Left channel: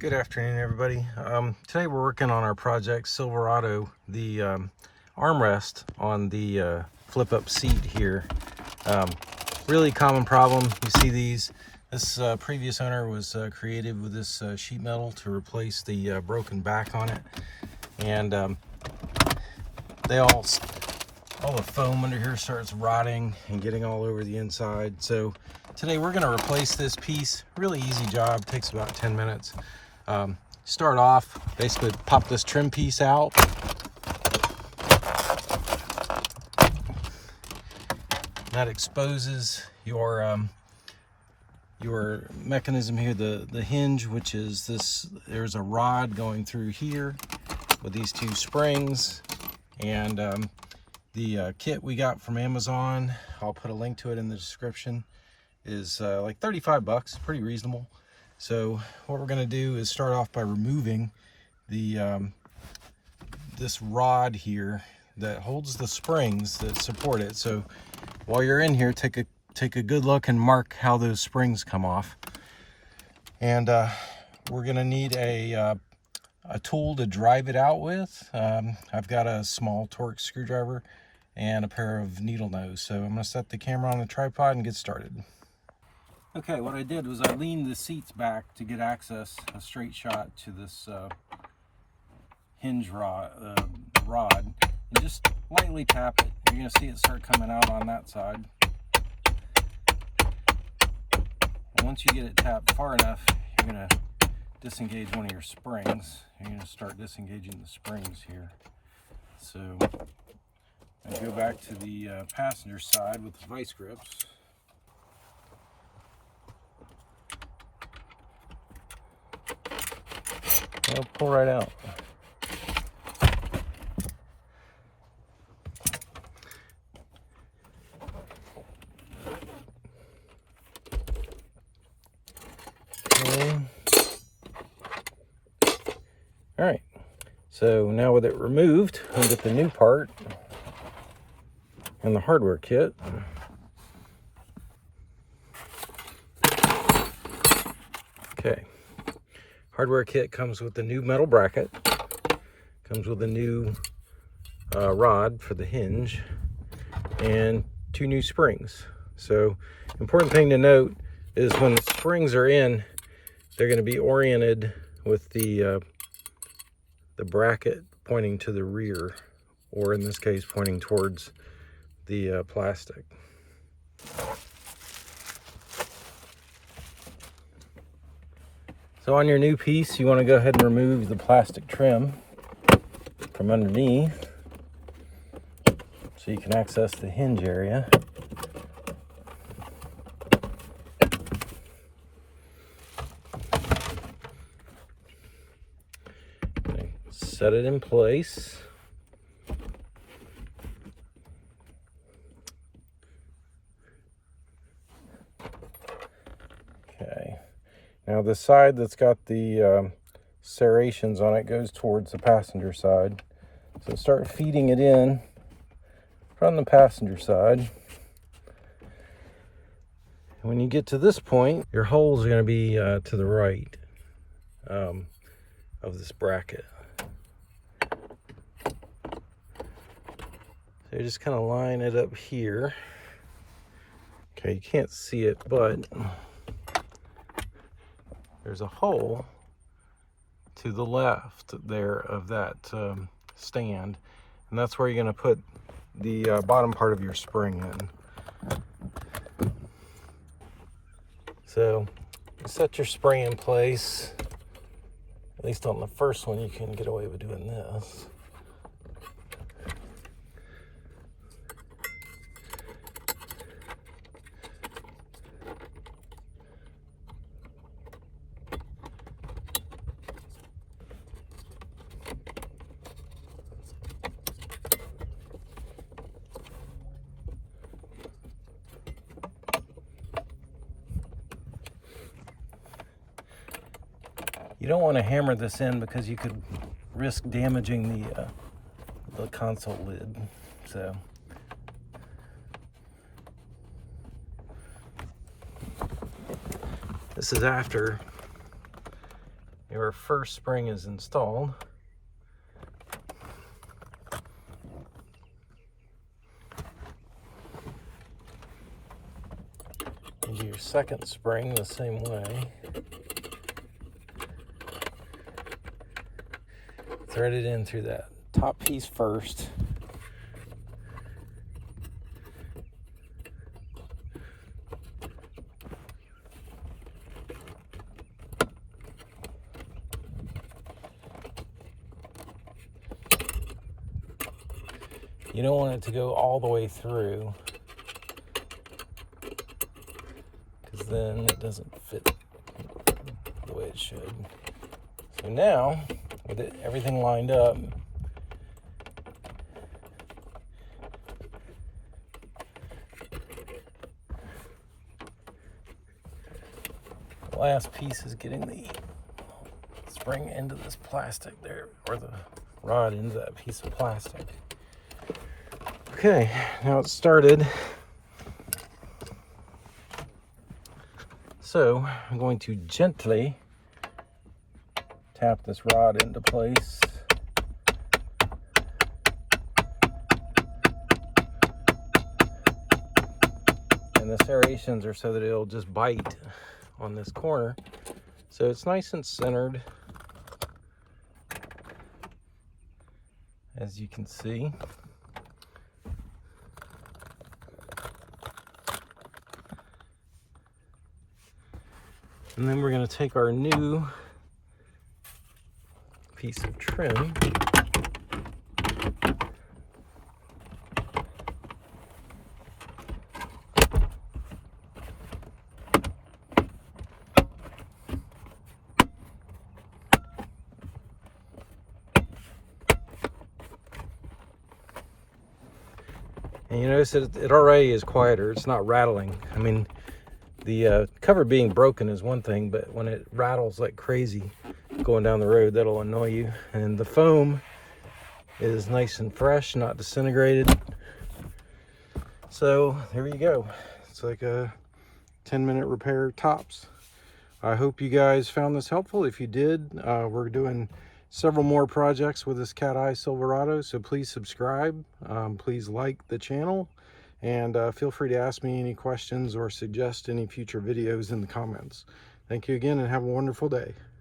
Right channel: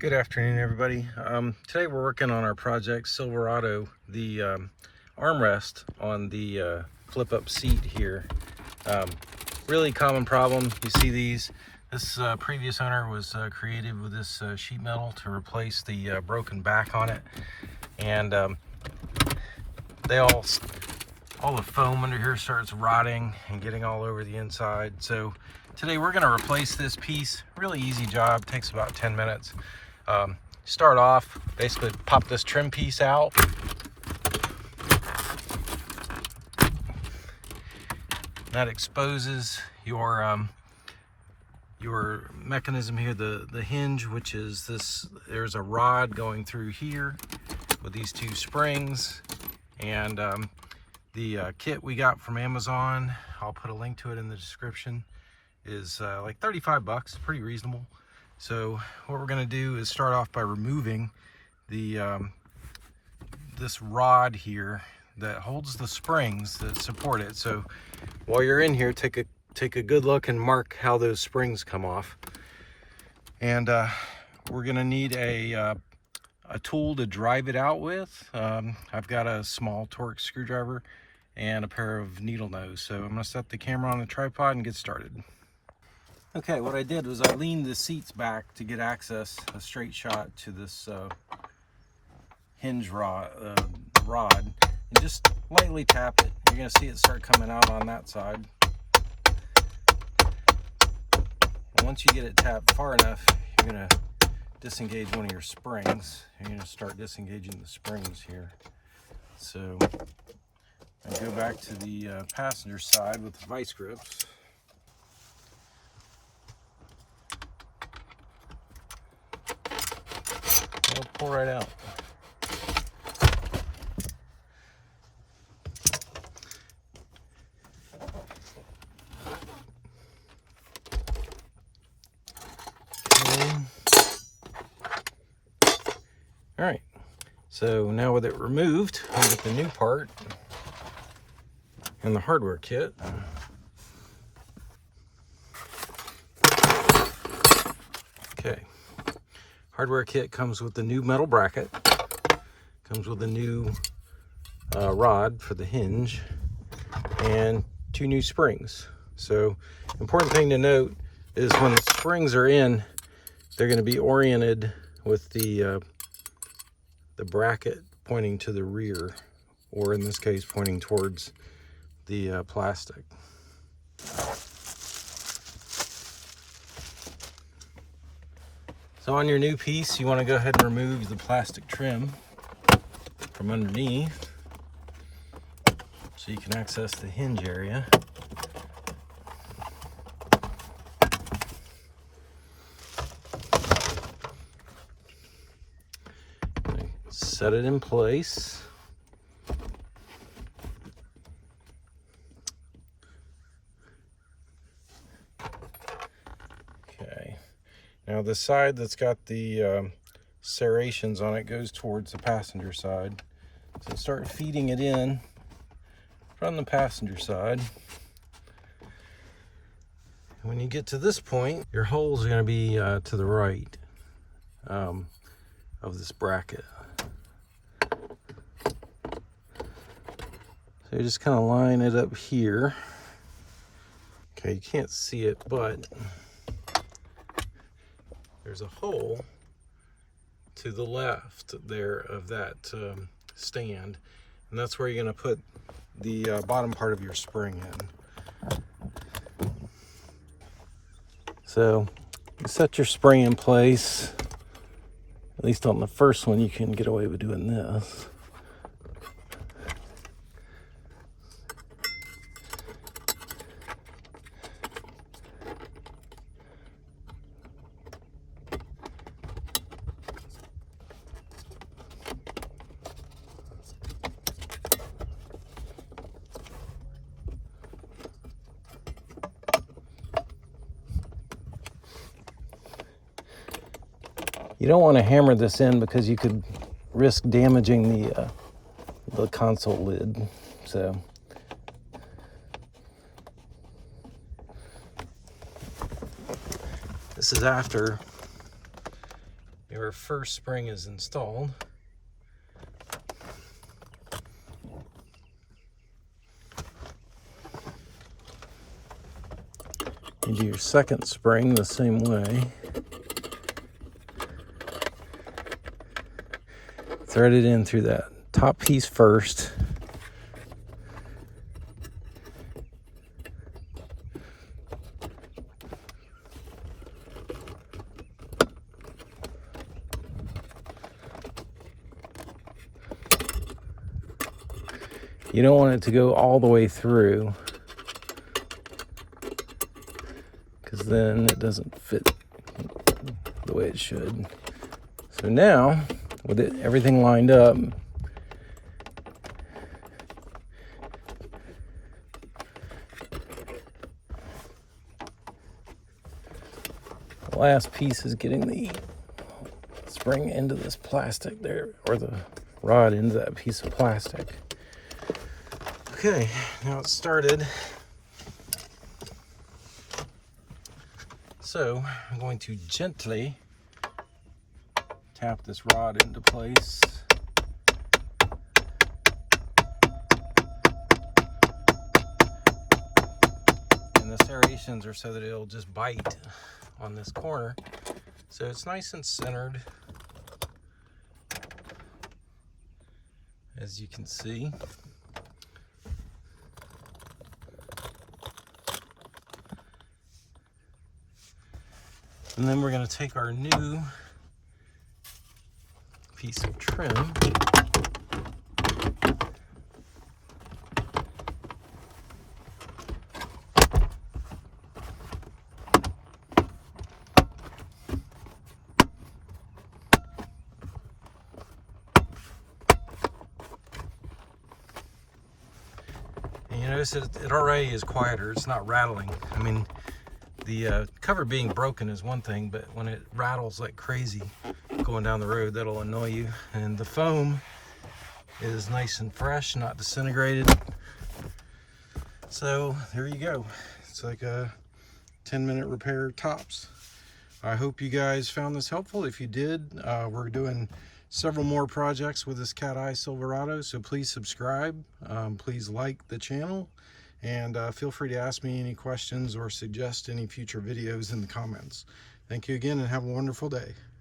Good afternoon, everybody. Today we're working on our project Silverado, the armrest on the flip-up seat here. Really common problem. You see these. This previous owner was creative with this sheet metal to replace the broken back on it, and all the foam under here starts rotting and getting all over the inside. So today we're going to replace this piece. Really easy job. Takes about 10 minutes. Start off, basically pop this trim piece out. That exposes your mechanism here, the hinge, which is this. There's a rod going through here with these two springs, and the kit we got from Amazon, I'll put a link to it in the description, is like 35 bucks, pretty reasonable. So what we're going to do is start off by removing the this rod here that holds the springs that support it. So while you're in here, take a good look and mark how those springs come off. And we're going to need a tool to drive it out with. I've got a small Torx screwdriver and a pair of needle nose. So I'm going to set the camera on the tripod and get started. Okay, what I did was I leaned the seats back to get access, a straight shot to this hinge rod, and just lightly tap it. You're going to see it start coming out on that side. And once you get it tapped far enough, you're going to disengage one of your springs. You're going to start disengaging the springs here. So I go back to the passenger side with the vice grips. It'll pull right out. Okay. All right. So now with it removed, we'll get the new part and the hardware kit. Okay. Hardware kit comes with the new metal bracket, comes with a new rod for the hinge, and 2 new springs. So important thing to note is when the springs are in, they're going to be oriented with the bracket pointing to the rear, or in this case pointing towards the plastic. So on your new piece, you want to go ahead and remove the plastic trim from underneath so you can access the hinge area. Set it in place. Okay. Now the side that's got the serrations on it goes towards the passenger side. So start feeding it in from the passenger side. When you get to this point, your holes are going to be to the right of this bracket. So you just kind of line it up here. Okay, you can't see it, but there's a hole to the left there of that stand, and that's where you're going to put the bottom part of your spring in. So you set your spring in place. At least on the first one, you can get away with doing this. You don't want to hammer this in because you could risk damaging the console lid. So This is after we our first spring is installed. You do your second spring the same way. Thread it in through that top piece first. You don't want it to go all the way through, because then it doesn't fit the way it should. So now, with everything lined up, the last piece is getting the spring into this plastic there, or the rod into that piece of plastic. Okay, now it's started. So I'm going to gently tap this rod into place. And the serrations are so that it'll just bite on this corner. So it's nice and centered, as you can see. And then we're going to take our new piece of trim and you notice that it already is quieter. It's not rattling. I mean, the cover being broken is one thing, but when it rattles like crazy going down the road, that'll annoy you. And the foam is nice and fresh, not disintegrated. So there you go. It's like a 10-minute repair tops. I hope you guys found this helpful. If you did, we're doing several more projects with this Cat Eye Silverado, so please subscribe. Please like the channel. And feel free to ask me any questions or suggest any future videos in the comments. Thank you again and have a wonderful day.